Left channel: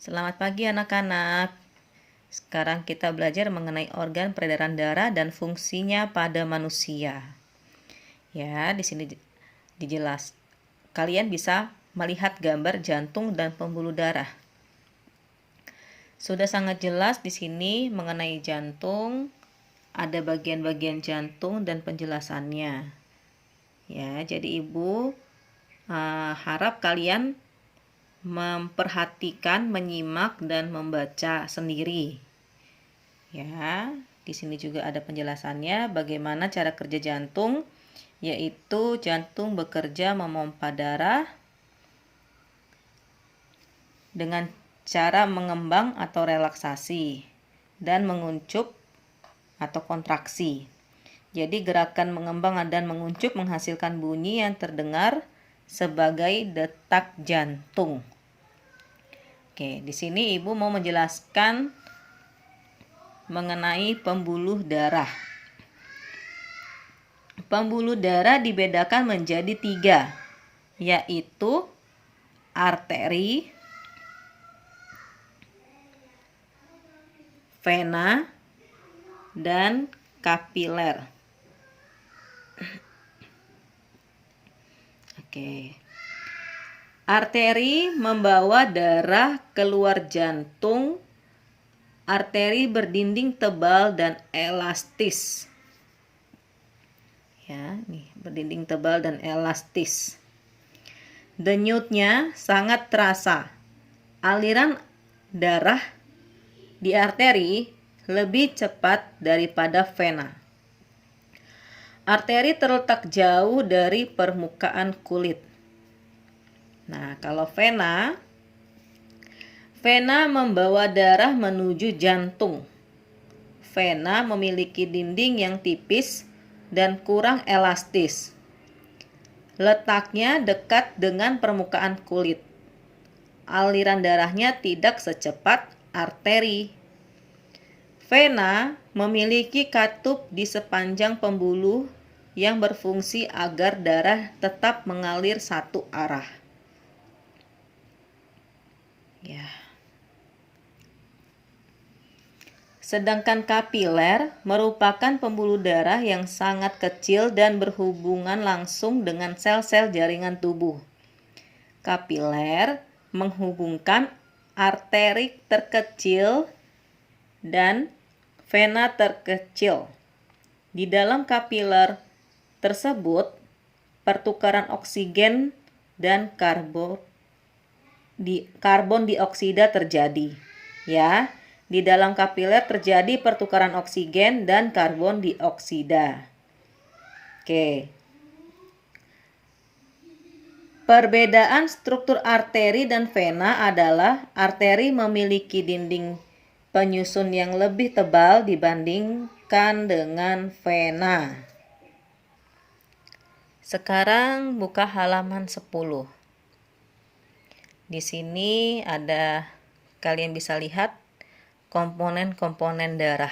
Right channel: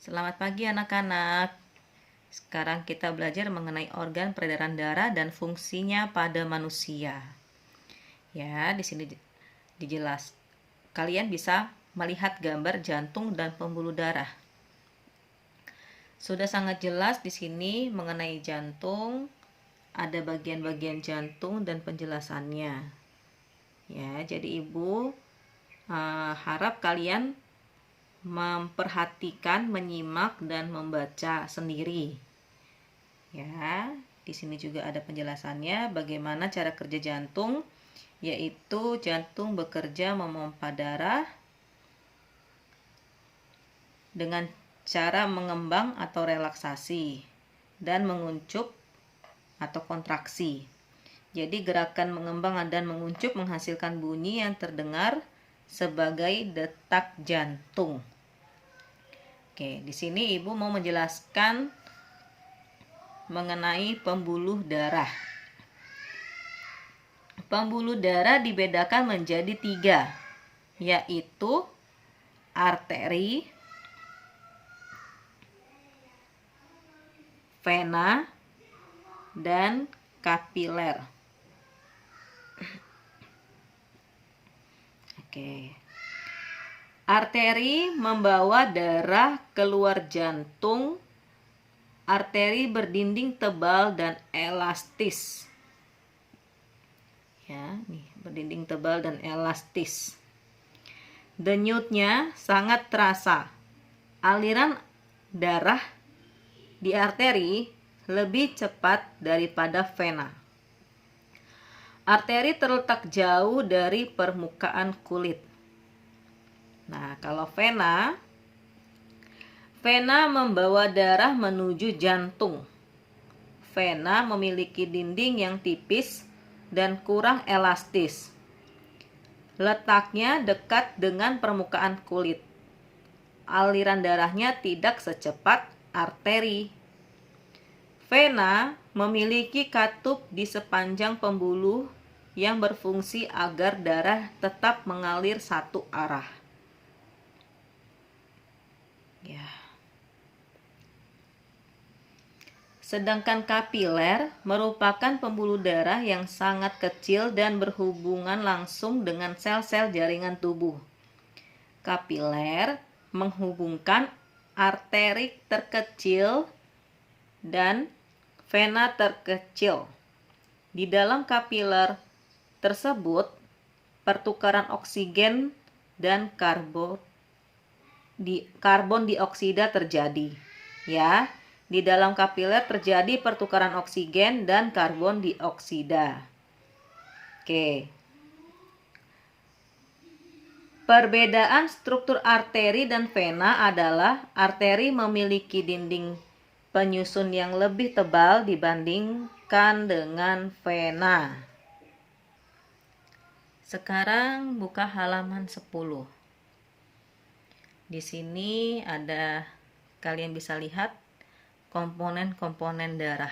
Selamat pagi anak-anak. Sekarang kita belajar mengenai organ peredaran darah dan fungsinya pada manusia. Ya, di sini dijelas. Kalian bisa melihat gambar jantung dan pembuluh darah. Sudah sangat jelas di sini mengenai jantung, ada bagian-bagian jantung dan penjelasannya. Ya, jadi Ibu harap kalian memperhatikan, menyimak dan membaca sendiri. Ya, di sini juga ada penjelasannya bagaimana cara kerja jantung, yaitu jantung bekerja memompa darah dengan cara mengembang atau relaksasi dan menguncup atau kontraksi. Jadi gerakan mengembang dan menguncup menghasilkan bunyi yang terdengar sebagai detak jantung. Oke, di sini Ibu mau menjelaskan mengenai pembuluh darah. Pembuluh darah dibedakan menjadi 3, yaitu arteri, vena, dan kapiler. Oke. Arteri membawa darah keluar jantung. Arteri berdinding tebal dan elastis. Ya, nih, berdinding tebal dan elastis. Denyutnya sangat terasa. Aliran darah di arteri lebih cepat daripada vena. Arteri terletak jauh dari permukaan kulit. Nah, kalau vena membawa darah menuju jantung. Vena memiliki dinding yang tipis dan kurang elastis. Letaknya dekat dengan permukaan kulit. Aliran darahnya tidak secepat arteri. Vena memiliki katup di sepanjang pembuluh yang berfungsi agar darah tetap mengalir satu arah. Ya. Sedangkan kapiler merupakan pembuluh darah yang sangat kecil dan berhubungan langsung dengan sel-sel jaringan tubuh. Kapiler menghubungkan arteri terkecil dan vena terkecil. Di dalam kapiler tersebut, pertukaran oksigen dan karbon dioksida terjadi. Ya, di dalam kapiler terjadi pertukaran oksigen dan karbon dioksida. Oke. Perbedaan struktur arteri dan vena adalah arteri memiliki dinding penyusun yang lebih tebal dibandingkan dengan vena. Sekarang buka halaman 10. Di sini ada, kalian bisa lihat komponen-komponen darah.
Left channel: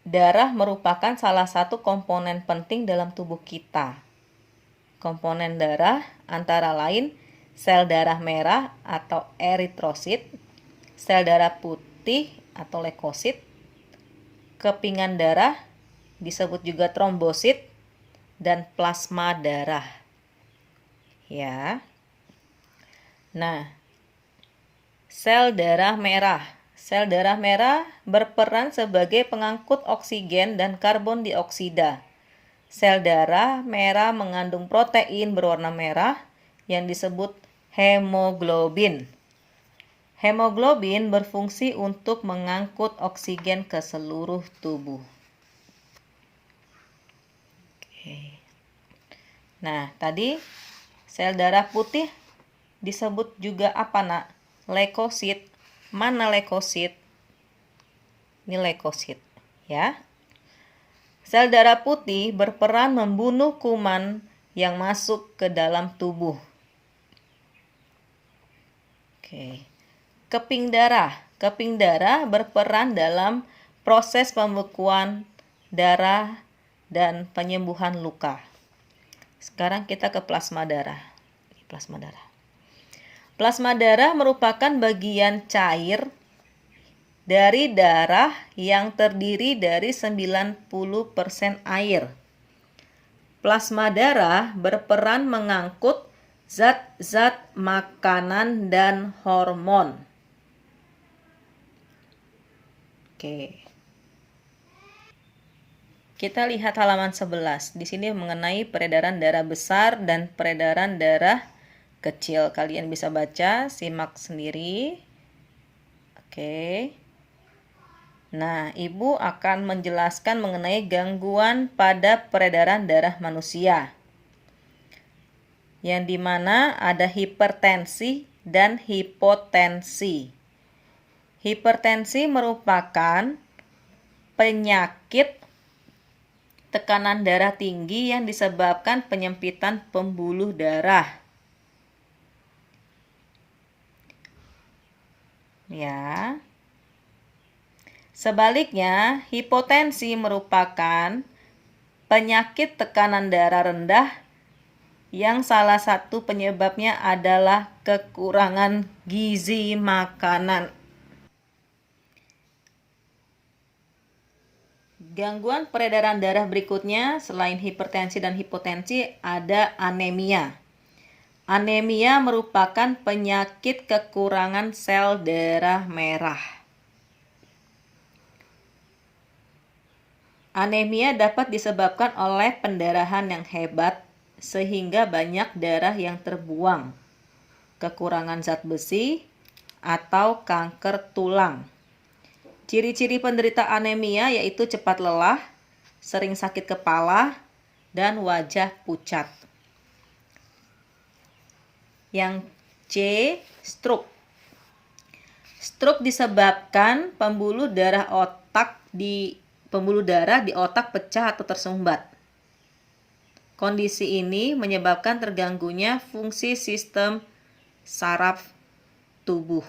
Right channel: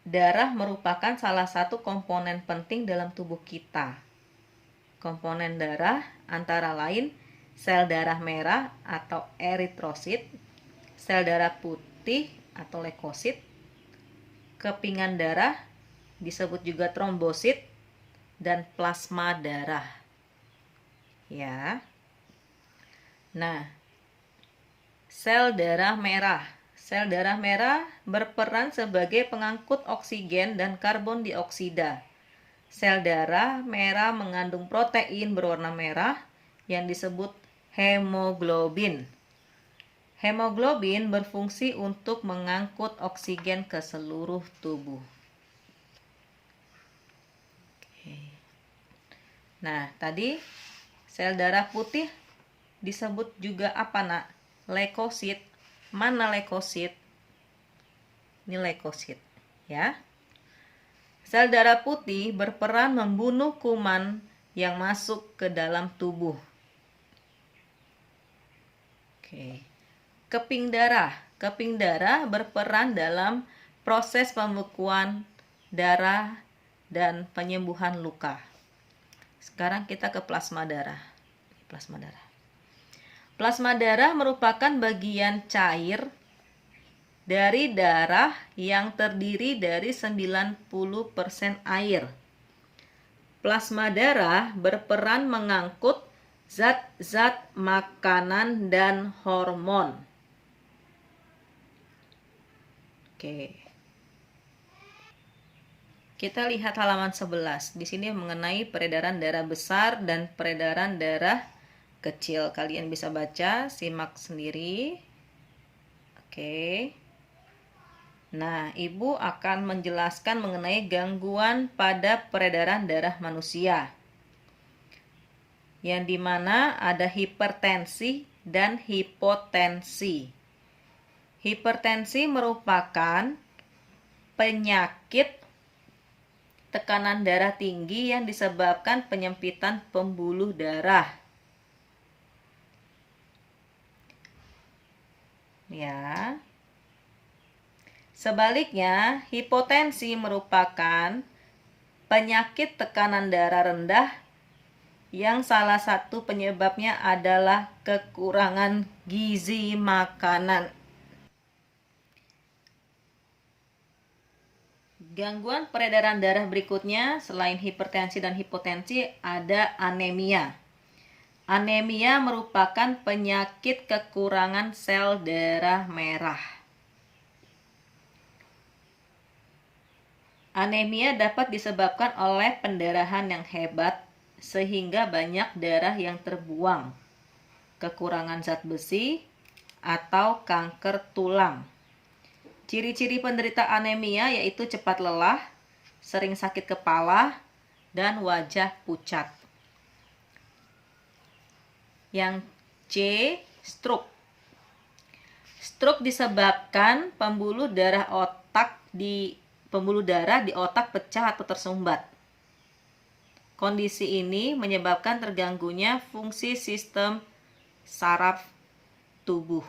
Darah merupakan salah satu komponen penting dalam tubuh kita. Komponen darah antara lain sel darah merah atau eritrosit, sel darah putih atau leukosit, kepingan darah disebut juga trombosit, dan plasma darah. Ya. Nah, sel darah merah. Sel darah merah berperan sebagai pengangkut oksigen dan karbon dioksida. Sel darah merah mengandung protein berwarna merah yang disebut hemoglobin. Hemoglobin berfungsi untuk mengangkut oksigen ke seluruh tubuh. Oke. Nah, tadi sel darah putih disebut juga apa, Nak? Leukosit. Mana leukosit? Ini leukosit, ya. Sel darah putih berperan membunuh kuman yang masuk ke dalam tubuh. Oke. Keping darah. Keping darah berperan dalam proses pembekuan darah dan penyembuhan luka. Sekarang kita ke plasma darah. Plasma darah. Plasma darah merupakan bagian cair dari darah yang terdiri dari 90% air. Plasma darah berperan mengangkut zat-zat makanan dan hormon. Oke. Kita lihat halaman 11. Di sini mengenai peredaran darah besar dan peredaran darah kecil. Kalian bisa baca, simak sendiri. Oke. Nah, Ibu akan menjelaskan mengenai gangguan pada peredaran darah manusia. Yang dimana ada hipertensi dan hipotensi. Hipertensi merupakan penyakit tekanan darah tinggi yang disebabkan penyempitan pembuluh darah. Ya. Sebaliknya, hipotensi merupakan penyakit tekanan darah rendah yang salah satu penyebabnya adalah kekurangan gizi makanan. Gangguan peredaran darah berikutnya selain hipertensi dan hipotensi ada anemia. Anemia merupakan penyakit kekurangan sel darah merah. Anemia dapat disebabkan oleh pendarahan yang hebat sehingga banyak darah yang terbuang, kekurangan zat besi, atau kanker tulang. Ciri-ciri penderita anemia yaitu cepat lelah, sering sakit kepala, dan wajah pucat. Yang C, stroke. Stroke disebabkan pembuluh darah di otak pecah atau tersumbat. Kondisi ini menyebabkan terganggunya fungsi sistem saraf tubuh.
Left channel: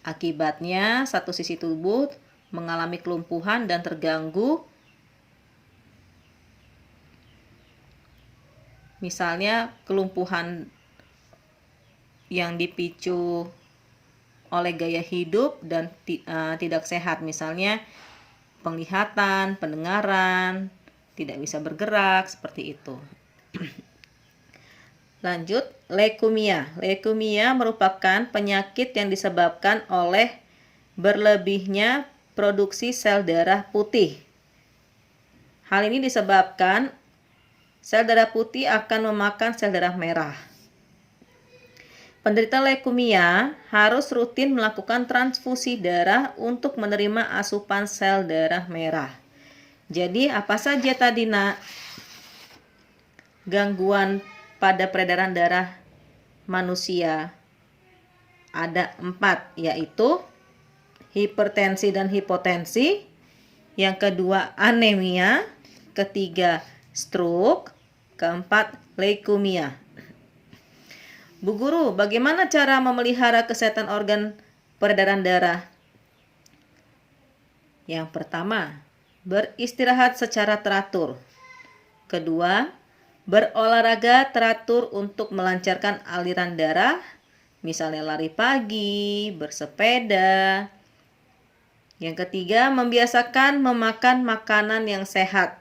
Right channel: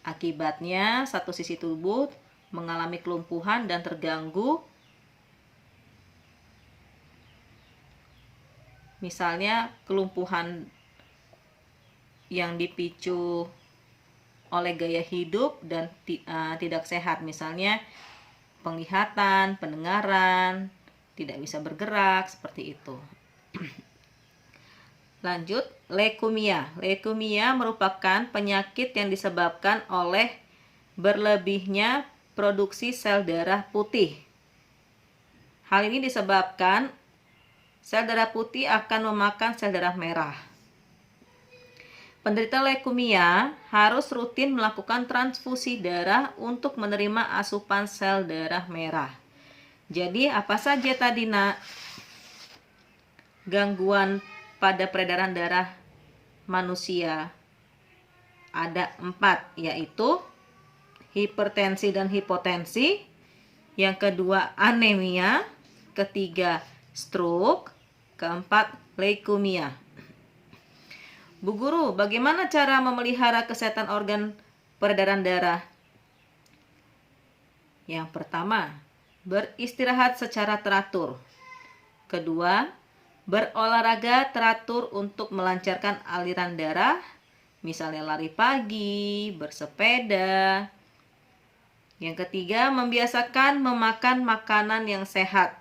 Akibatnya, satu sisi tubuh mengalami kelumpuhan dan terganggu. Misalnya, kelumpuhan yang dipicu oleh gaya hidup dan tidak sehat, misalnya penglihatan, pendengaran, tidak bisa bergerak, seperti itu. Lanjut, leukemia. Leukemia merupakan penyakit yang disebabkan oleh berlebihnya produksi sel darah putih. Hal ini disebabkan sel darah putih akan memakan sel darah merah. Penderita leukemia harus rutin melakukan transfusi darah untuk menerima asupan sel darah merah. Jadi apa saja tadi nak gangguan pada peredaran darah manusia? Ada 4, yaitu hipertensi dan hipotensi, yang kedua anemia, ketiga stroke, keempat leukemia. Bu Guru, bagaimana cara memelihara kesehatan organ peredaran darah? Yang pertama, beristirahat secara teratur. Kedua, berolahraga teratur untuk melancarkan aliran darah, misalnya lari pagi, bersepeda. Yang ketiga, membiasakan memakan makanan yang sehat.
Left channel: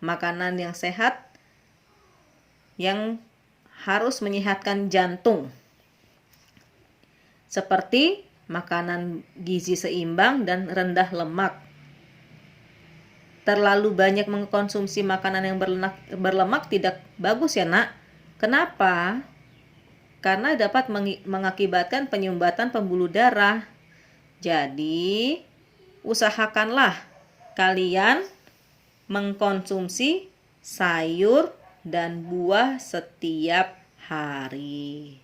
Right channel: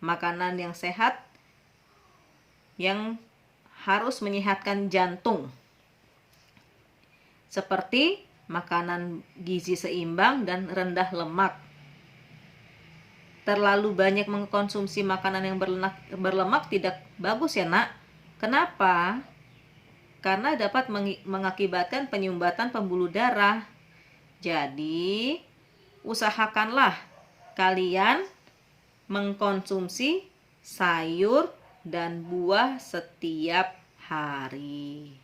Makanan yang sehat yang harus menyehatkan jantung, seperti makanan gizi seimbang dan rendah lemak. Terlalu banyak mengkonsumsi makanan yang berlemak tidak bagus ya nak. Kenapa? Karena dapat mengakibatkan penyumbatan pembuluh darah. Jadi, usahakanlah kalian mengkonsumsi sayur dan buah setiap hari.